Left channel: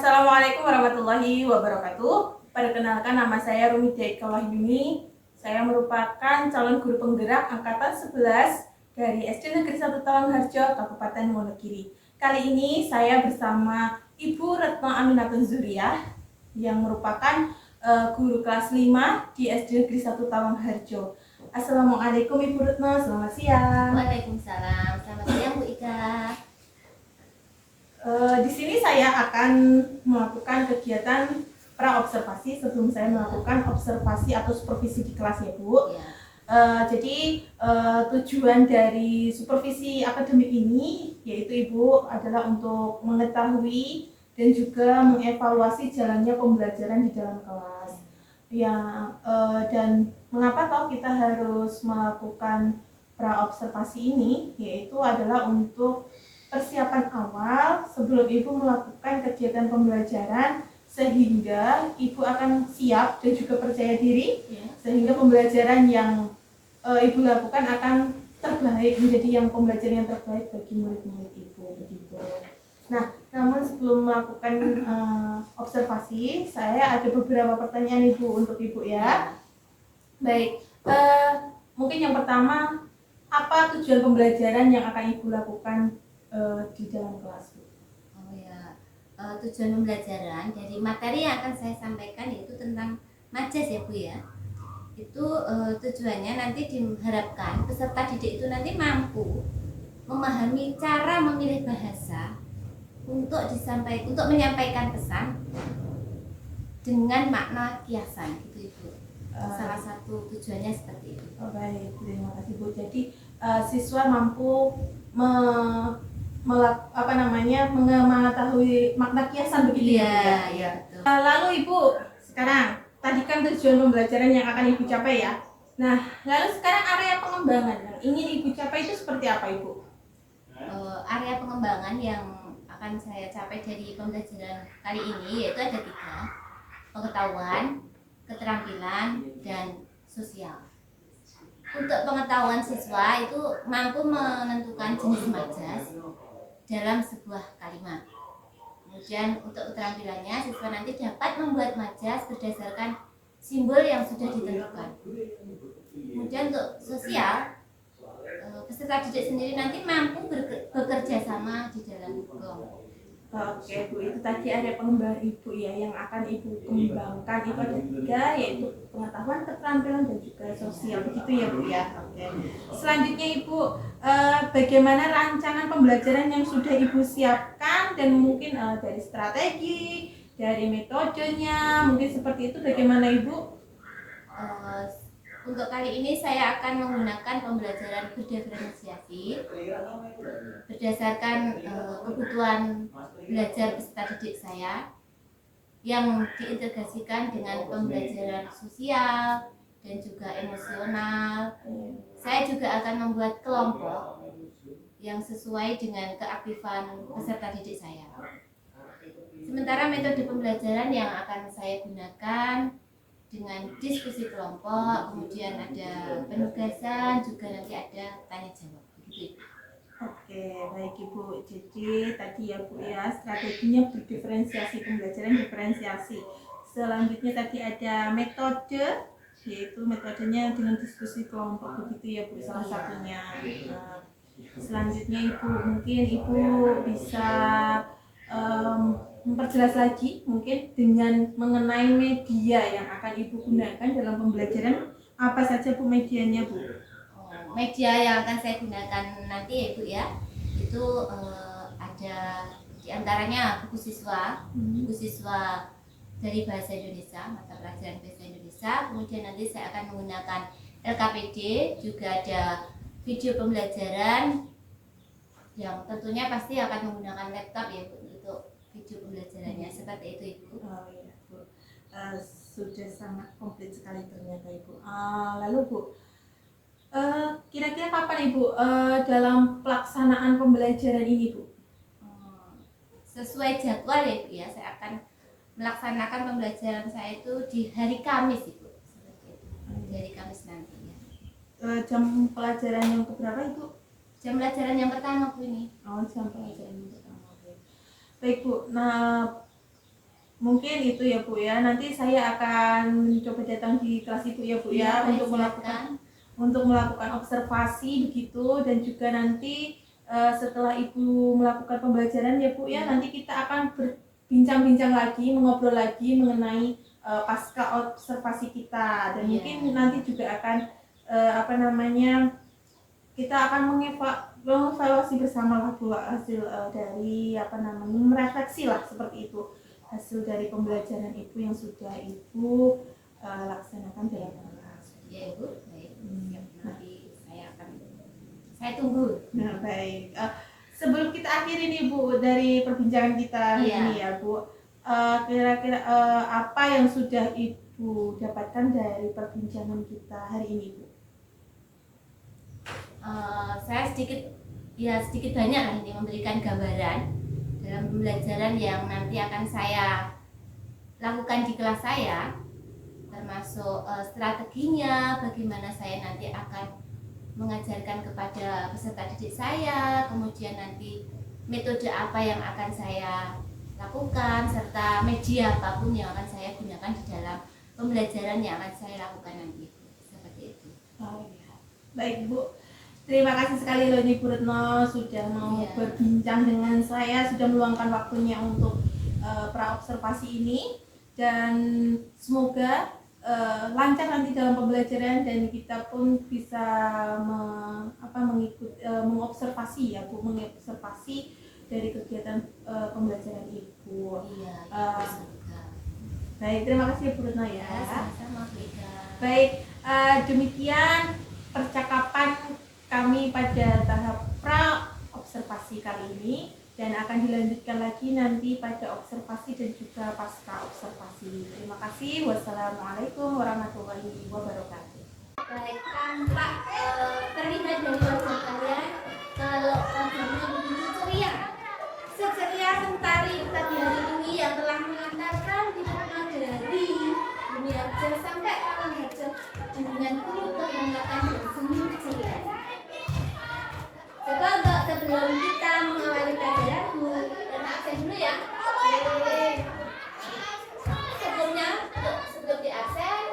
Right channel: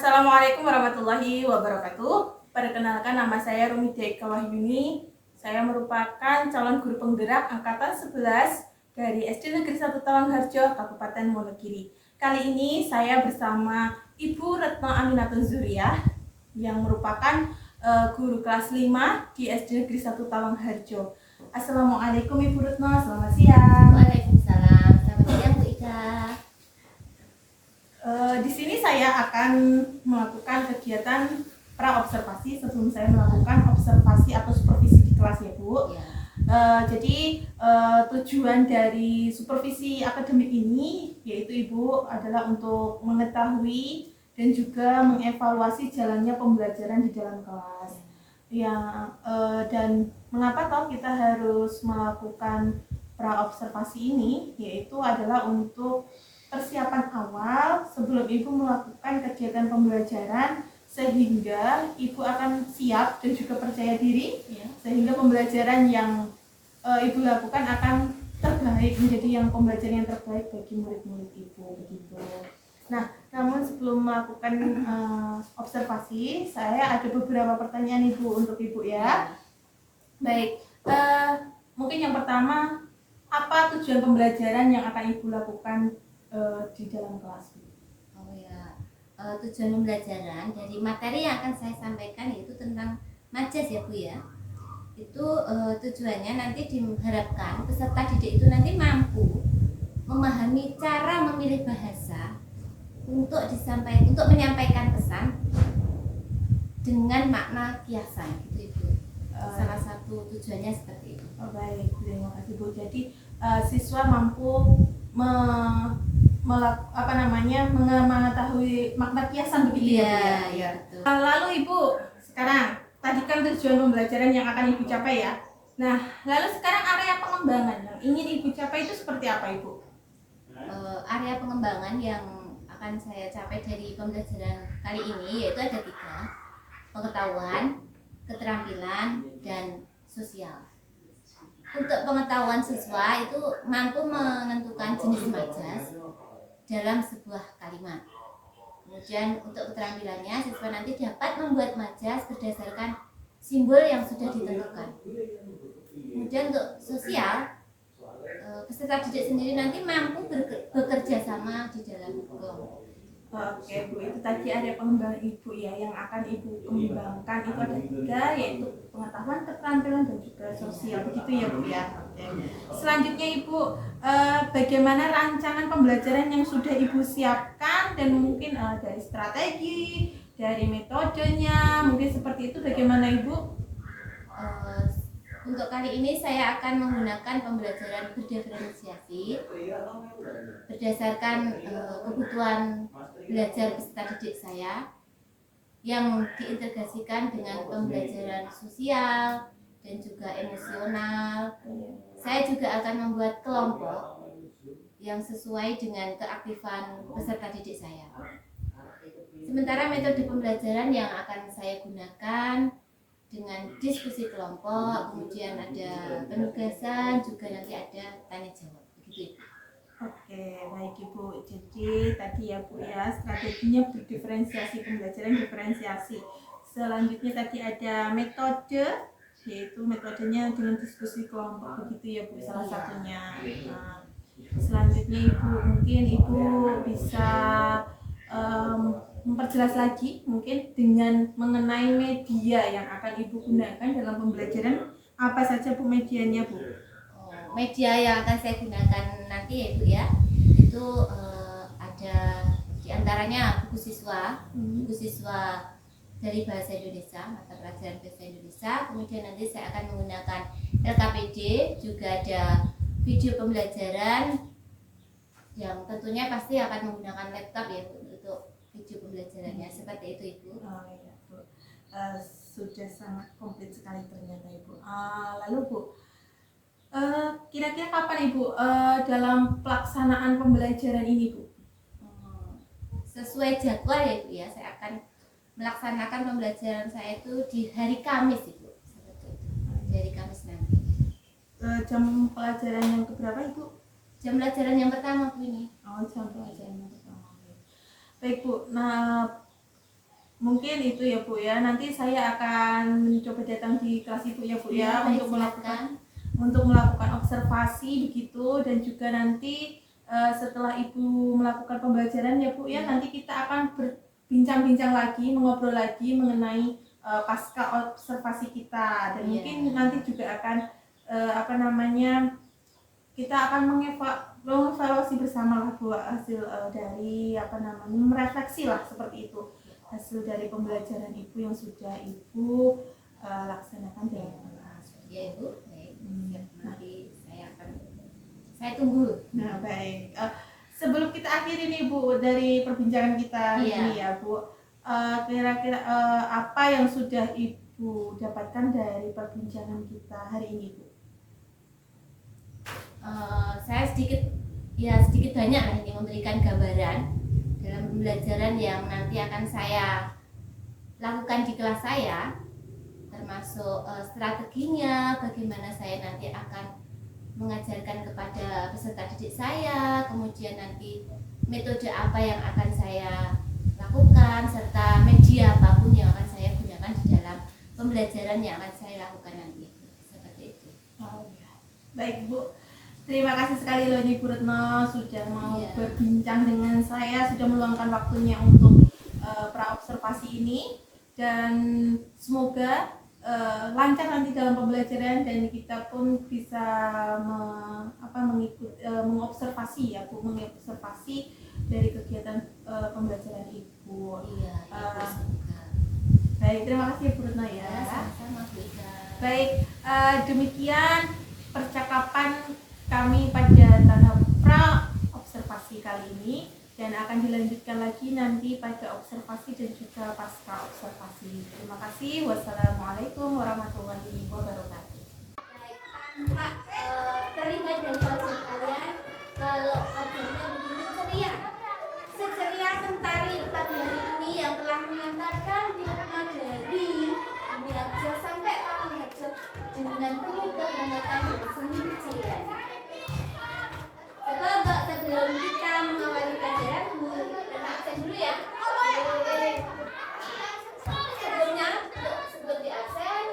Assalamualaikum warahmatullahi wabarakatuh. Perkenalkan, nama saya Rumidia Ika Wahyuni. Saya merupakan calon guru penggerak angkatan 11 dari SD Negeri 1 Tawangharjo, Kabupaten Wonogiri. Kali ini saya bersama Ibu Retno Aminatun Zuriyah yang merupakan guru kelas 5 di SD Negeri 1 Tawangharjo. Assalamualaikum Ibu Retno, selamat siang. Waalaikumsalam, selamat siang Bu Ika. Di sini saya akan melakukan kegiatan pra-observasi sebelum saya melakukan observasi atau supervisi di kelas ya Bu. Ya. Jadi tujuan dari supervisi akademik ini yaitu Ibu adalah untuk mengetahui dan juga mengevaluasi jalannya pembelajaran di dalam kelas. Dan mengapa toh kita harus melakukan pra-observasi ini, yaitu adalah untuk persiapan awal sebelum Ibu melakukan kegiatan pembelajaran sehingga Ibu akan siap dan juga percaya diri Ya. sehingga pembelajaran yang Ibu lakukan akan terbaik, menjadi pembelajaran yang terbaik bagi murid-murid Ibu begitu. Nah, namun sebelum melakukan observasi, saya ada beberapa pertanyaan Ibu untuk Ibu ya. Baik, mungkin yang pertama, apa tujuan pembelajaran yang akan Ibu lakukan di dalam kelas? Oh ya, tujuan pembelajaran dari materi yang akan saya sampaikan yaitu tentang majas ya Bu ya. Itu tujuannya nanti diharapkan peserta didik itu nanti mampu memahami cara memilih bahasa untuk menyampaikan pesan dengan makna kiasan gitu Ibu. Salah satu tujuannya seperti itu. Oh baik, terima kasih Bu. Jadi siswa mampu mengetahui makna kiasan begitu ya Bu ya. Betul. Lalu Ibu, sekarang tadi kan tujuan pembelajaran yang akan Ibu capai ya. Nah, lalu sekarang area pengembangan yang ingin Ibu capai itu seperti apa Ibu? Area pengembangan yang akan saya capai dari pembelajaran kali ini yaitu ada 3: pengetahuan, keterampilan, dan sosial. Untuk pengetahuan, siswa itu mampu menentukan jenis majas dalam sebuah kalimat. Kemudian untuk keterampilannya, siswa nanti dapat membuat majas berdasarkan simbol yang sudah ditentukan. Kemudian untuk sosial, peserta didik sendiri nanti mampu bekerja sama di dalam kelompok. Oke Bu, itu tadi area pengembangan Ibu ya, yang akan Ibu kembangkan itu ada 3, yaitu pengetahuan, keterampilan, dan juga sosial, begitu ya Bu ya. Oke. Selanjutnya Ibu, bagaimana rancangan pembelajaran yang sudah Ibu siapkan dan mungkin dari strategi, dari metodenya, mungkin seperti itu, bagaimana Ibu? Untuk kali ini saya akan menggunakan pembelajaran berdiferensiasi berdasarkan kebutuhan belajar peserta didik saya yang diintegrasikan dengan pembelajaran sosial dan juga emosional. Saya juga akan membuat kelompok yang sesuai dengan keaktifan peserta didik saya. Sementara metode pembelajaran yang akan saya gunakan dengan diskusi kelompok, kemudian ada penugasan, juga nanti ada tanya jawab begitu. Oke, baik Ibu. Jadi tadi ya Bu ya, strateginya berdiferensiasi, pembelajaran diferensiasi. Selanjutnya tadi ada metode, yaitu metodenya dengan diskusi kelompok begitu ya Bu, salah satunya. Nah, selanjutnya Ibu, mungkin Ibu bisa memperjelas lagi mungkin dengan mengenai media yang akan Ibu gunakan dalam pembelajaran. Apa saja Bu medianya Bu? Media yang akan saya gunakan nanti ya Bu ya, itu ada diantaranya buku siswa dari bahasa Indonesia, mata pelajaran bahasa Indonesia. Kemudian nanti saya akan menggunakan LKPD, juga ada video pembelajaran yang tentunya pasti akan menggunakan laptop ya Bu, untuk video pembelajarannya. Seperti itu Ibu. Oh iya Bu, sudah sangat komplit sekali ternyata Ibu. Lalu Bu, kira-kira kapan Ibu dalam pelaksanaan pembelajaran ini Bu? Sesuai jadwal ya Bu ya, saya akan melaksanakan pembelajaran saya itu di hari Kamis Ibu. Seperti itu. Di hari Kamis nanti. Jam pelajaran yang keberapa Ibu? Jam pelajaran yang pertama Bu ini. Oh, jam pelajaran yang pertama. Baik Bu, nah Mungkin itu ya Bu ya. Nanti saya akan mencoba datang di kelas Ibu ya Bu ya, baik, untuk silakan. melakukan observasi begitu, dan juga nanti setelah Ibu melakukan pembelajaran ya Bu ya, nanti kita akan berbincang-bincang lagi, mengobrol lagi mengenai pasca observasi kita, dan mungkin nanti juga akan kita akan mengevaluasi bersama lah Bu hasil dari merefleksi lah seperti itu, hasil dari pembelajaran Ibu yang sudah Ibu laksanakan dalam kelas. Ya Ibu, baik. Siap. Nanti saya tunggu. Nah baik, sebelum kita akhiri nih Bu dari perbincangan kita hari ini ya Bu, kira-kira apa yang sudah Ibu dapatkan dari perbincangan kita hari ini Bu? Saya sedikit banyak lah ini memberikan gambaran dalam pembelajaran yang nanti akan saya lakukan di kelas saya, termasuk strateginya, bagaimana saya nanti akan mengajarkan kepada peserta didik saya, kemudian nanti metode apa yang akan saya lakukan, serta media apapun yang akan saya gunakan di dalam pembelajaran yang akan saya lakukan nanti. Seperti itu. Oh iya, baik Bu. Terima kasih sekali loh ini Bu Retno sudah mau berbincang dengan saya, sudah meluangkan waktunya untuk pra-observasi ini, dan semoga lancar nanti dalam pembelajaran dan kita pun bisa mengobservasi ya Bu, mengobservasi dari kegiatan pembelajaran Ibu. Baik, terima kasih Bu Retno ya. Sama-sama Bu Ida. Baik, demikian percakapan kami pada tahap pra observasi kali ini, dan akan dilanjutkan lagi nanti pada observasi dan juga pasca observasi. Terima kasih. Wassalamualaikum warahmatullahi wabarakatuh. Baik, tampak terlihat dari wajah kalian kalau wajahnya begitu ceria. Seceria Mentari pagi hari ini yang telah mengantarkan hidupnya dari dunia kerja sampai malam kerja dengan penuh kehangatan dan senyum ceria. Coba sebelum kita mengawali pelajaran, dan absen dulu ya. Sebelum di absen,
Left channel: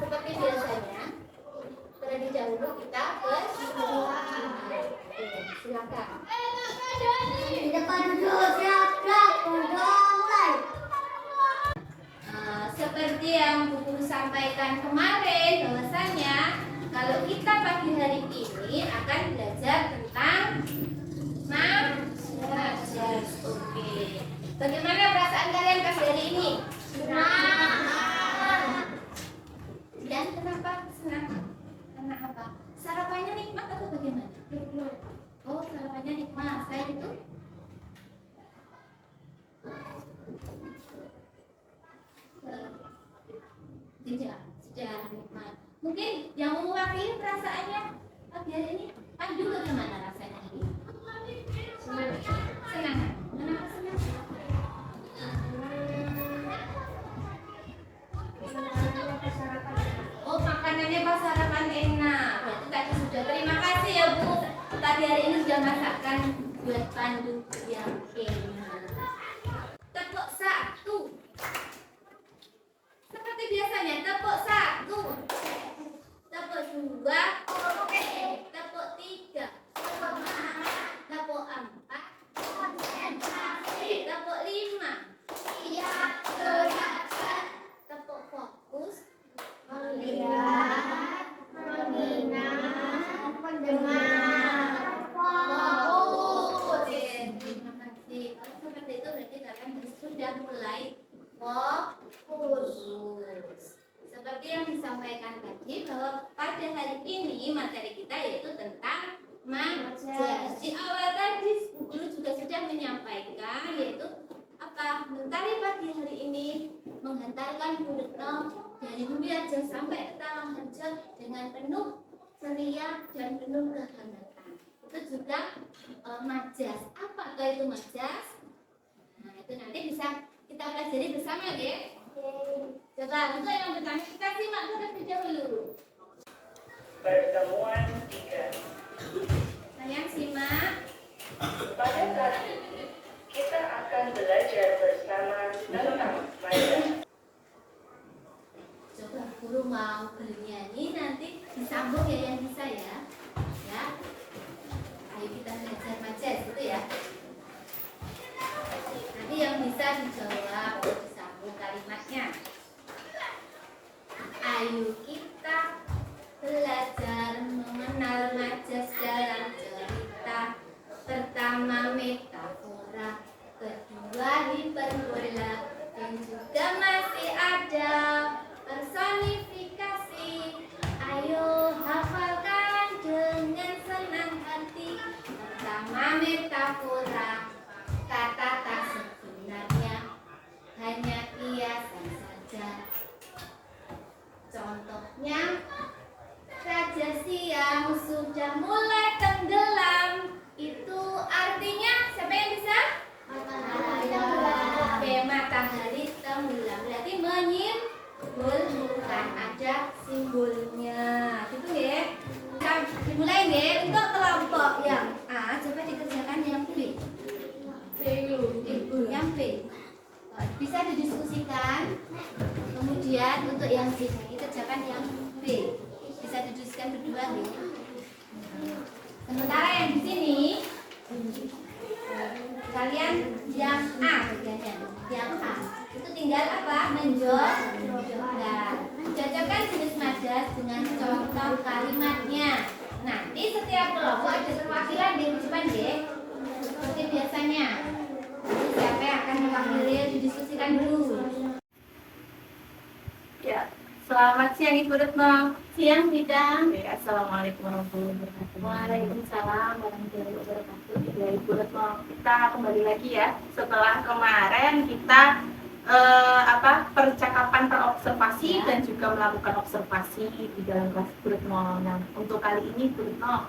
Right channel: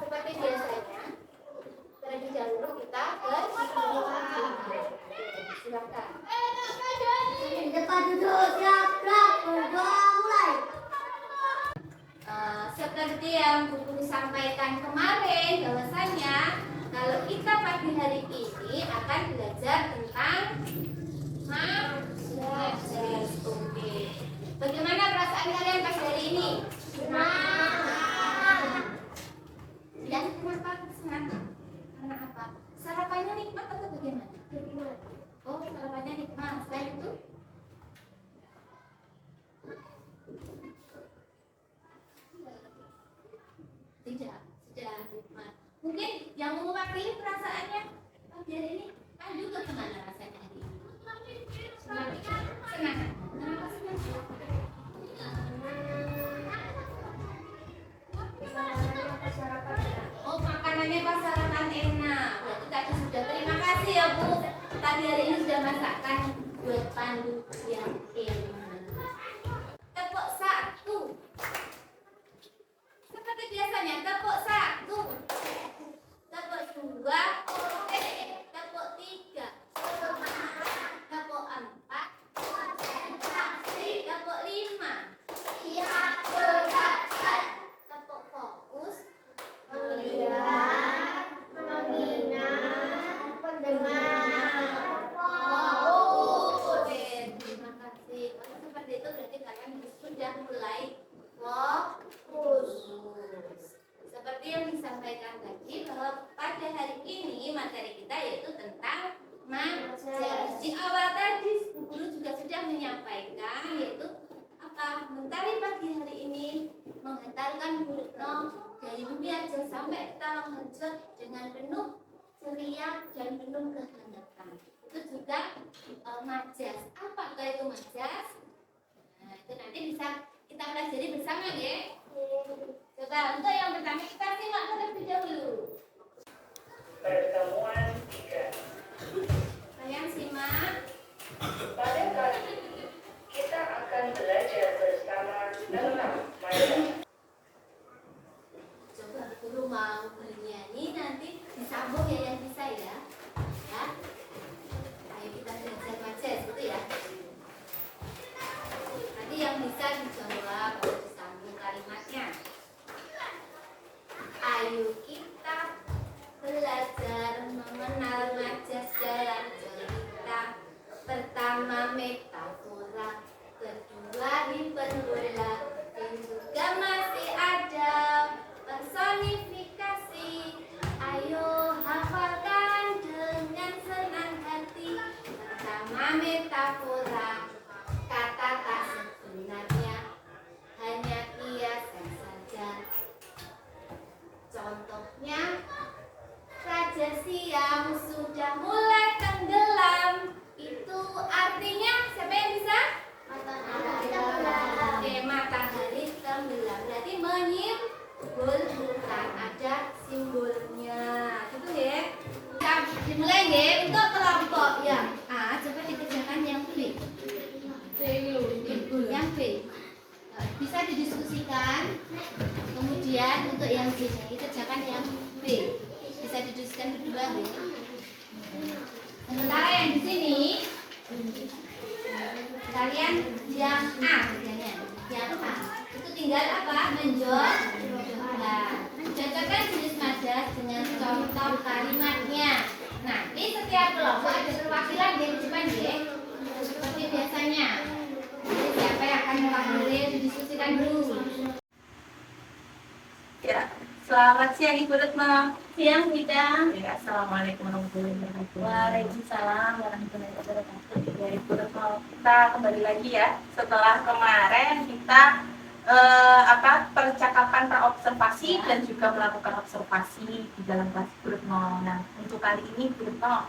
seperti biasanya, terlebih dahulu kita silakan. Di depan duduk, siap, mulai. Seperti yang Bu Guru sampaikan kemarin, bahwasanya kalau kita pagi hari ini akan belajar tentang majas. Oke. Bagaimana perasaan kalian pagi hari ini? Senang. Dan kenapa senang? Karena apa? Sarapannya nikmat atau bagaimana? Oh, sarapannya nikmat. Selain itu? Tidak, sudah nikmat. Mungkin yang mewakili perasaannya pagi hari ini, Pandu bagaimana rasanya hari ini? Senang. Kenapa senang? Oh, makanannya pas sarapan enak. Berarti tadi sudah. Terima kasih ya Bu. Tadi hari ini sudah masakkan buat Pandu yang enak. Tepuk satu. Seperti biasanya, tepuk satu. Tepuk dua. Tepuk tiga. Tepuk empat. Tepuk lima. Tepuk fokus. Melihat, mengingat, mendengar. Oke, terima kasih. Kalau seperti itu berarti kalian sudah mulai fokus. Seperti yang disampaikan tadi, bahwa pada hari ini materi kita yaitu tentang majas. Di awal tadi Bu Guru juga sudah menyampaikan yaitu apa? Mentari pagi hari ini menghantarkan Bu Retno dari Bumi Aja sampai ke Talang Harjo dengan penuh ceria dan penuh kehangatan. Itu juga majas. Apakah itu majas? Nah, itu nanti bisa kita pelajari bersama ya. Coba untuk yang bertanya kita simak terlebih dahulu. Pertemuan 3. Sayang simak. Pada kali ini kita akan belajar bersama pertama metafora, kedua hiperbola, dan juga masih ada personifikasi. Ayo hafalkan dengan senang hati. Pertama metafora, kata tak sebenarnya, hanya kiasan saja. Contohnya, Raja Siam sudah mulai tenggelam. Itu artinya siapa yang bisa? Matahari. Oke, matahari tenggelam. Berarti menyimpulkan ada simbolnya. Gitu ya. Kita dimulai ya untuk kelompok yang A. Coba dikerjakan yang B. Yang B. Bisa didiskusikan. Kemudian untuk yang C dikerjakan yang B. Bisa didiskusikan berdua ya. Sementara yang di sini kalian yang A kerjanya. Yang A itu tinggal apa? Cocokkan jenis majas dengan contoh kalimatnya. Nanti setiap kelompok ada perwakilan di depan ya. Seperti biasanya. Jadi siapa yang akan mewakili didiskusikan dulu. Ya, selamat siang Ibu Retno. Siang kita. Ya, assalamualaikum warahmatullahi wabarakatuh. Waalaikumsalam warahmatullahi wabarakatuh. Ya Ibu Retno, kita kembali lagi ya. Setelah kemarin kita percakapan perobservasi dan juga melakukan observasi di dalam kelas Ibu Retno. Nah, untuk kali ini Ibu Retno,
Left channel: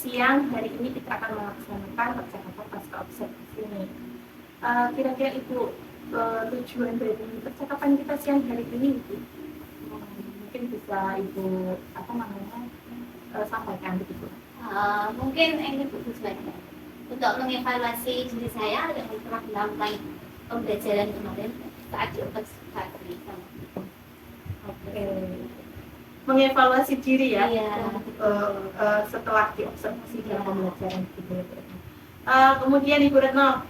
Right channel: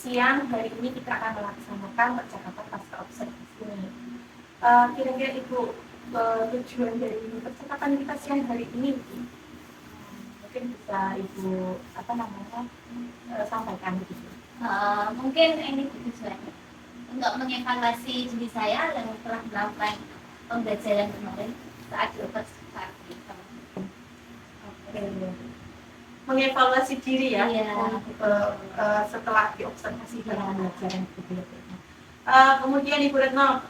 siang hari ini kita akan melaksanakan percakapan pasca observasi ini. Kira-kira Ibu, tujuan dari percakapan kita siang hari ini Ibu, mungkin bisa Ibu sampaikan begitu. Mungkin ini tujuannya untuk mengevaluasi diri saya yang telah melakukan pembelajaran kemarin saat di observasi. Oke. Mengevaluasi diri ya, Iya. setelah diobservasi dalam pembelajaran Ibu Retno. Kemudian Ibu Retno,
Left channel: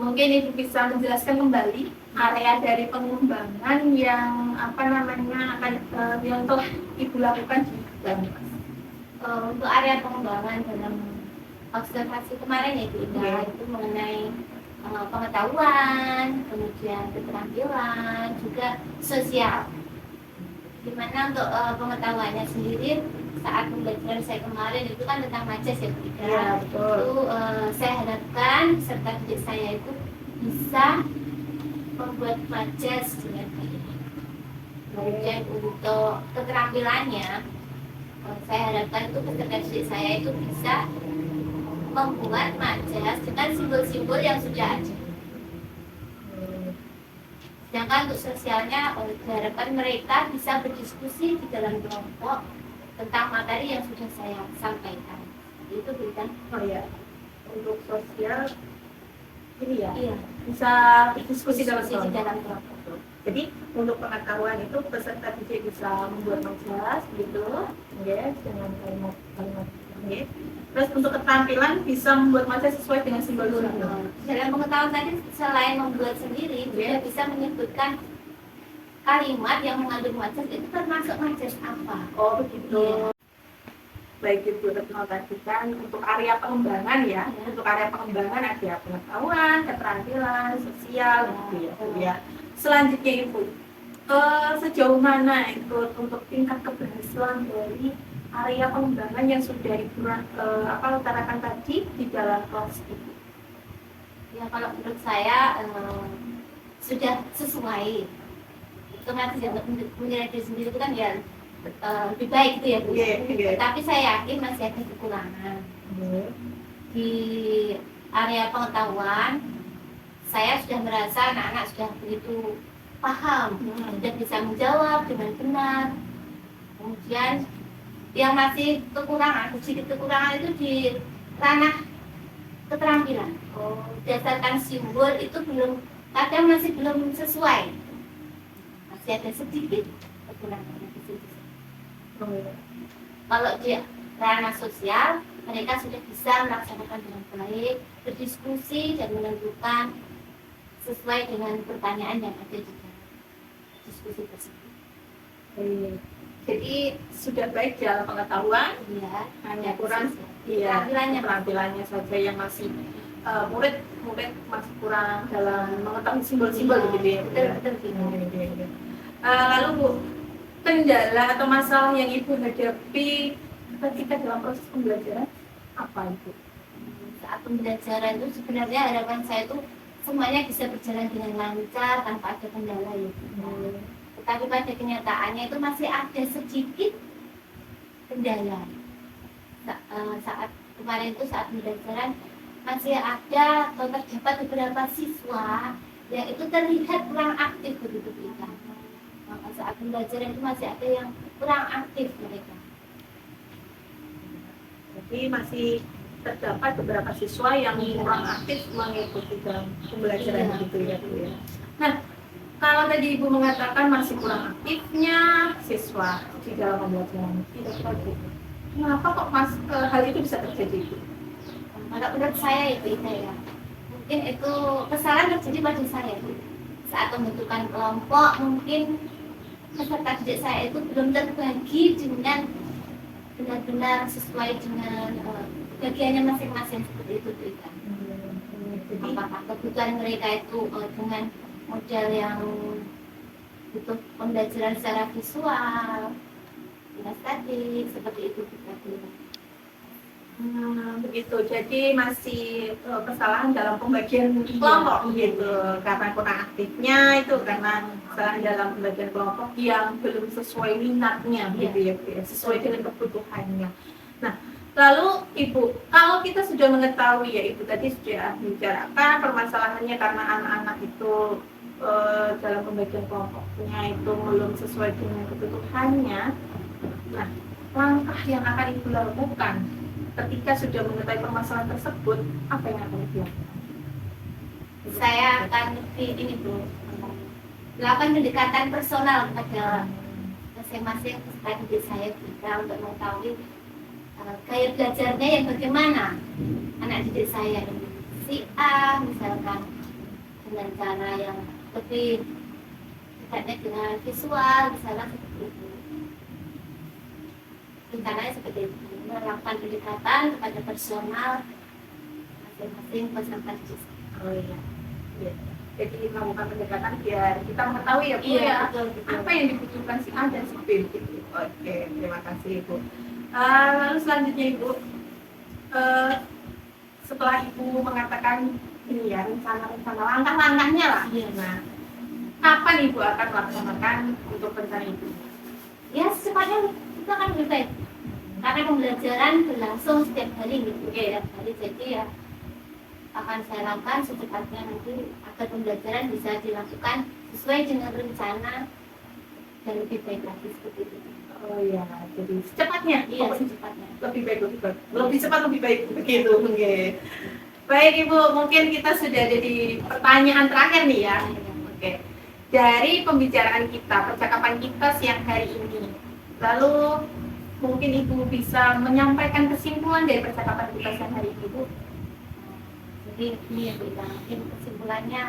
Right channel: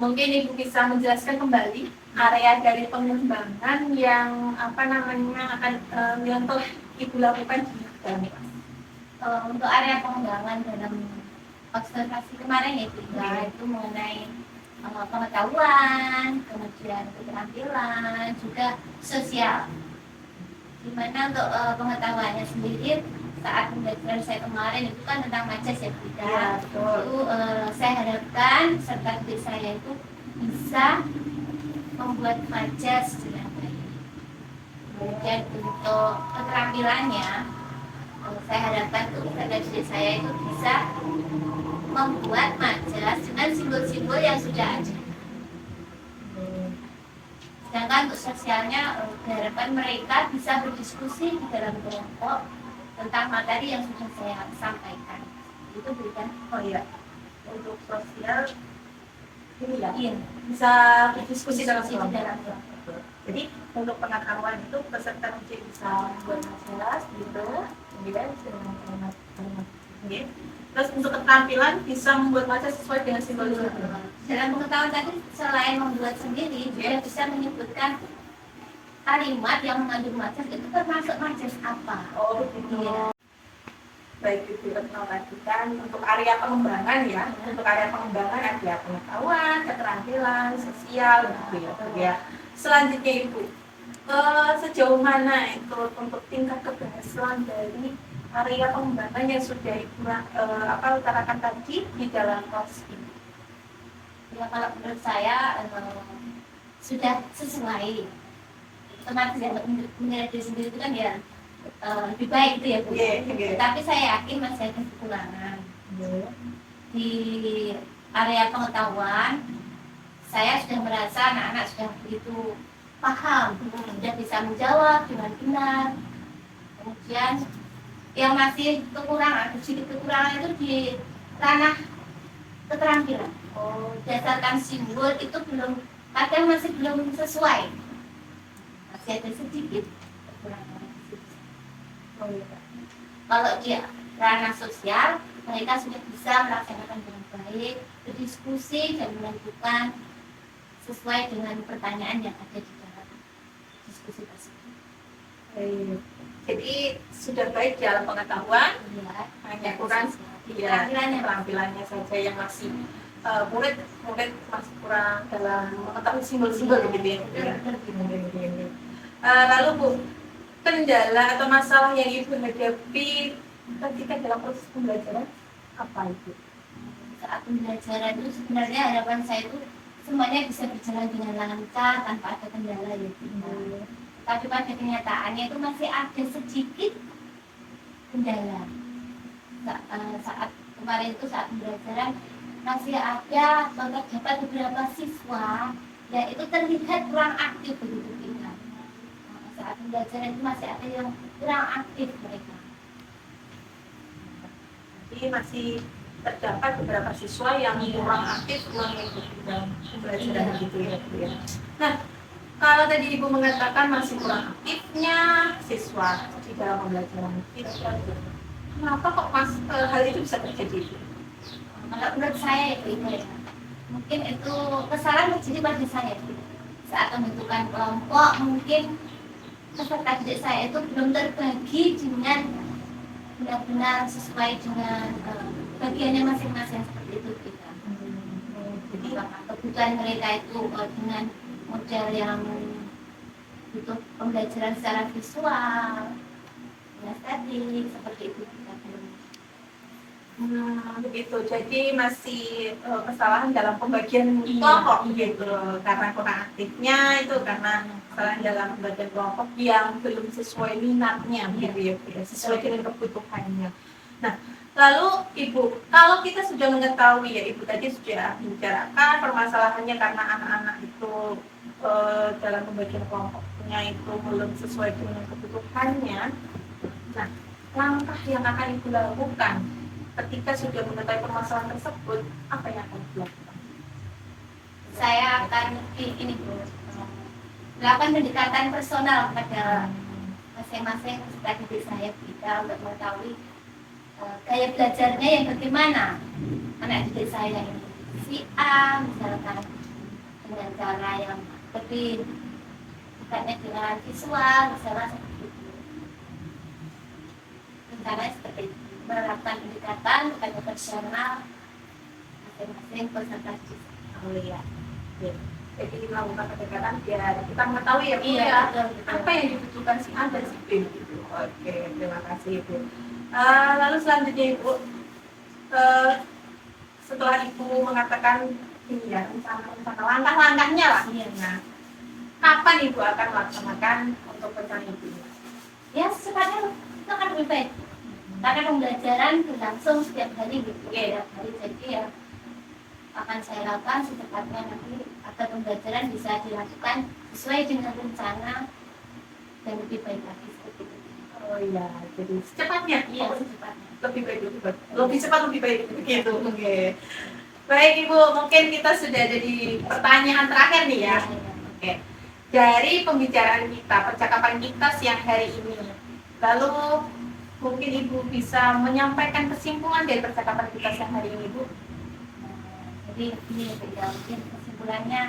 mungkin Ibu bisa menjelaskan kembali area dari pengembangan yang akan yang telah Ibu lakukan di dalam kelas. Untuk area pengembangan dalam observasi kemarin ya, itu mengenai pengetahuan, kemudian keterampilan, juga sosial. Dimana untuk pengetahuannya sendiri saat pembelajaran saya kemarin itu kan tentang majas ya, Ya, betul. itu saya harapkan peserta didik saya itu bisa membuat majas dengan baik. Kemudian untuk keterampilannya, saya harapkan itu peserta didik saya itu bisa membuat majas dengan simbol-simbol yang sudah ada. Sedangkan untuk sosialnya, diharapkan mereka bisa berdiskusi di dalam kelompok tentang materi yang sudah saya sampaikan. Itu bukan? Oh iya, untuk sosial ini ya, Iya. bisa diskusi dalam Diskusi di kelompok. dalam kelompok. Jadi untuk pengetahuan itu peserta didik bisa membuat majalah gitu, ya, dengan kalimat-kalimat, ya. Terus untuk keterampilan bisa membuat majalah sesuai dengan simbol-simbol. Dalam pengetahuan tadi selain membuat sendiri, juga bisa menyebutkan kalimat yang mengandung majas itu termasuk majas apa. Oh begitu. Iya. Baik Ibu Retno, tadi kan untuk area pengembangan ya, untuk area pengembangan ada pengetahuan, keterampilan, sosial, gitu ya, Bu, ya. Selanjutnya Ibu, sejauh mana itu untuk tingkat keberhasilan dari area pengembangan yang sudah Ibu utarakan tadi di dalam kelas Ibu? Ya, kalau menurut saya sudah sesuai. Otomatis ya, menilai diri sendiri itu kan ya lebih baik gitu ya, Bu. Iya. Tapi saya yakin masih ada kekurangan di area pengetahuan. Saya sudah merasa anak-anak sudah begitu paham, sudah bisa menjawab dengan benar. Kemudian yang masih kekurangan, sedikit kekurangan itu di ranah keterampilan. Berdasarkan simbol itu kadang masih belum sesuai. Masih ada sedikit kekurangan di situ. Kalau di ranah sosial, mereka sudah bisa melaksanakan dengan baik, berdiskusi dan menentukan sesuai dengan pertanyaan yang ada di dalam diskusi tersebut. Jadi sudah baik dalam pengetahuan, Iya, hanya kurang Iya, Keterampilannya. keterampilannya saja yang masih murid masih kurang dalam mengetahui simbol-simbol begitu ya Bu ya. Betul. Lalu Bu, kendala atau masalah yang Ibu hadapi ketika dalam proses pembelajaran apa itu? Saat pembelajaran itu sebenarnya harapan saya itu semuanya bisa berjalan dengan lancar tanpa ada kendala ya kita. Tetapi pada kenyataannya itu masih ada sedikit kendala. Saat kemarin itu saat pembelajaran masih ada atau terdapat beberapa siswa yang itu terlihat kurang aktif begitu kita. Maka saat pembelajaran itu masih ada yang kurang aktif mereka. Jadi masih terdapat beberapa siswa yang kurang aktif mengikuti dalam pembelajaran begitu ya Bu ya. Nah, kalau tadi Ibu mengatakan masih kurang aktifnya siswa di dalam pembelajaran, kenapa kok hal itu bisa terjadi Bu? Kalau menurut saya ya Bu ya, mungkin itu kesalahan terjadi pada saya saat pembentukan kelompok. Mungkin peserta didik saya itu belum terbagi dengan benar-benar sesuai dengan bagiannya masing-masing seperti itu Bu. Jadi apakah kebutuhan mereka itu dengan model yang butuh pembelajaran secara visual, kinestetik, seperti itu juga Bu. Begitu. Jadi masih kesalahan dalam pembagian kelompok gitu. Karena kurang aktifnya itu karena kesalahan dalam pembagian kelompok yang belum sesuai minatnya begitu ya, Bu ya, sesuai dengan kebutuhannya. Nah, lalu Ibu, kalau kita sudah mengetahui ya Ibu tadi sudah membicarakan permasalahannya karena anak-anak itu dalam pembagian kelompoknya itu belum sesuai dengan kebutuhannya. Nah, langkah yang akan Ibu lakukan ketika sudah mengetahui permasalahan tersebut, apa yang akan dilakukan? Saya akan ini Bu, melakukan pendekatan personal kepada masing-masing peserta didik saya kita untuk mengetahui gaya belajarnya yang bagaimana anak didik saya ini. Si A misalkan dengan cara yang lebih dekatnya dengan visual, misalnya seperti itu. Rencananya seperti itu, melakukan pendekatan kepada personal masing-masing peserta didik. Oh iya. Jadi kita melakukan pendekatan biar kita mengetahui ya Bu Iya, ya, betul. apa yang dibutuhkan si A dan si B gitu. Oke, terima kasih Ibu. Lalu selanjutnya Ibu, setelah Ibu mengatakan ini ya rencana langkah-langkahnya lah. Iya. Nah, kapan Ibu akan melaksanakan untuk rencana Ibu? Ya secepatnya itu akan lebih baik karena pembelajaran berlangsung setiap hari gitu. Setiap hari, jadi ya akan saya lakukan secepatnya nanti agar pembelajaran bisa dilakukan sesuai dengan rencana dan lebih baik lagi seperti itu. Oh iya, jadi secepatnya. Iya, secepatnya. Lebih baik. Lebih cepat lebih baik begitu. Oke. Baik Ibu, mungkin kita sudah ada di pertanyaan terakhir nih ya. Oke. Dari pembicaraan kita, percakapan kita siang hari ini, lalu mungkin Ibu bisa menyampaikan kesimpulan dari percakapan kita siang hari ini, Bu. Jadi ini ya Bu, mungkin kesimpulannya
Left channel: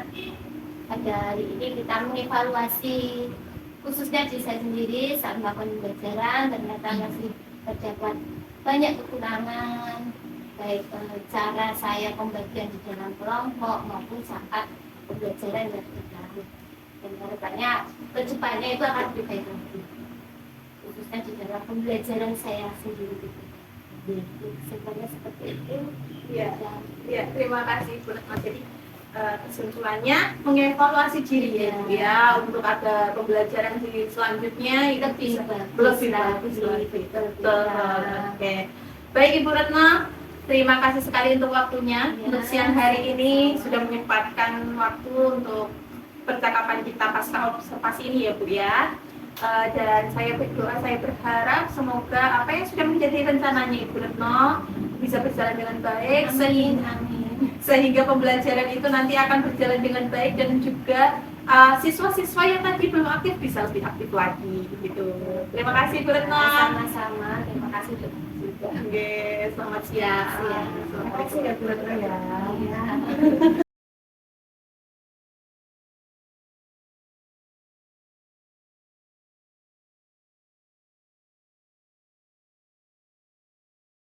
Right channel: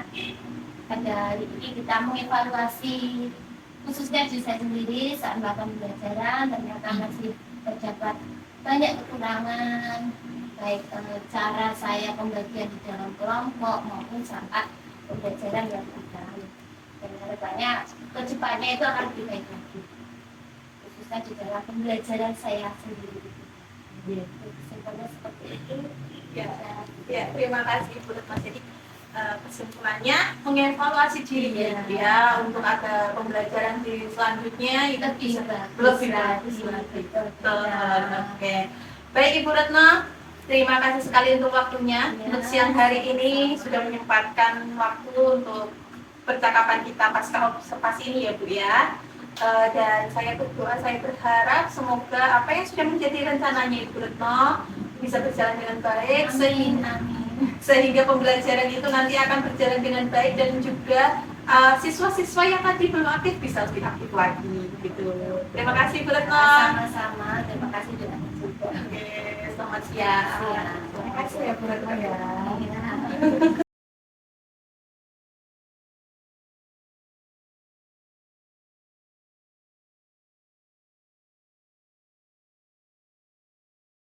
pada hari ini kita mengevaluasi khususnya diri saya sendiri saat melakukan pembelajaran. Ternyata masih terdapat banyak kekurangan, baik cara saya pembagian di dalam kelompok maupun saat pembelajaran yang berjalan. Dan harapannya kedepannya itu akan lebih baik lagi, khususnya di dalam pembelajaran saya sendiri. Kesimpulannya seperti itu. Ya, terima kasih Bu Retno. Jadi kesimpulannya mengevaluasi diri ya untuk ada pembelajaran di selanjutnya itu lebih bagus lagi. Oke. Baik Ibu Retno, terima kasih sekali untuk waktunya untuk siang hari ini sudah menyempatkan waktu untuk percakapan kita pasca observasi ini ya Bu ya. Dan saya berdoa, saya berharap semoga apa yang sudah menjadi rencananya Ibu Retno bisa berjalan dengan baik. Sehingga pembelajaran itu nanti akan berjalan dengan baik dan juga siswa-siswa yang tadi belum aktif bisa lebih aktif lagi gitu. Terima kasih Bu Retno. Sama-sama, terima kasih juga. Oke, selamat siang. Terima kasih ya Bu Retno ya.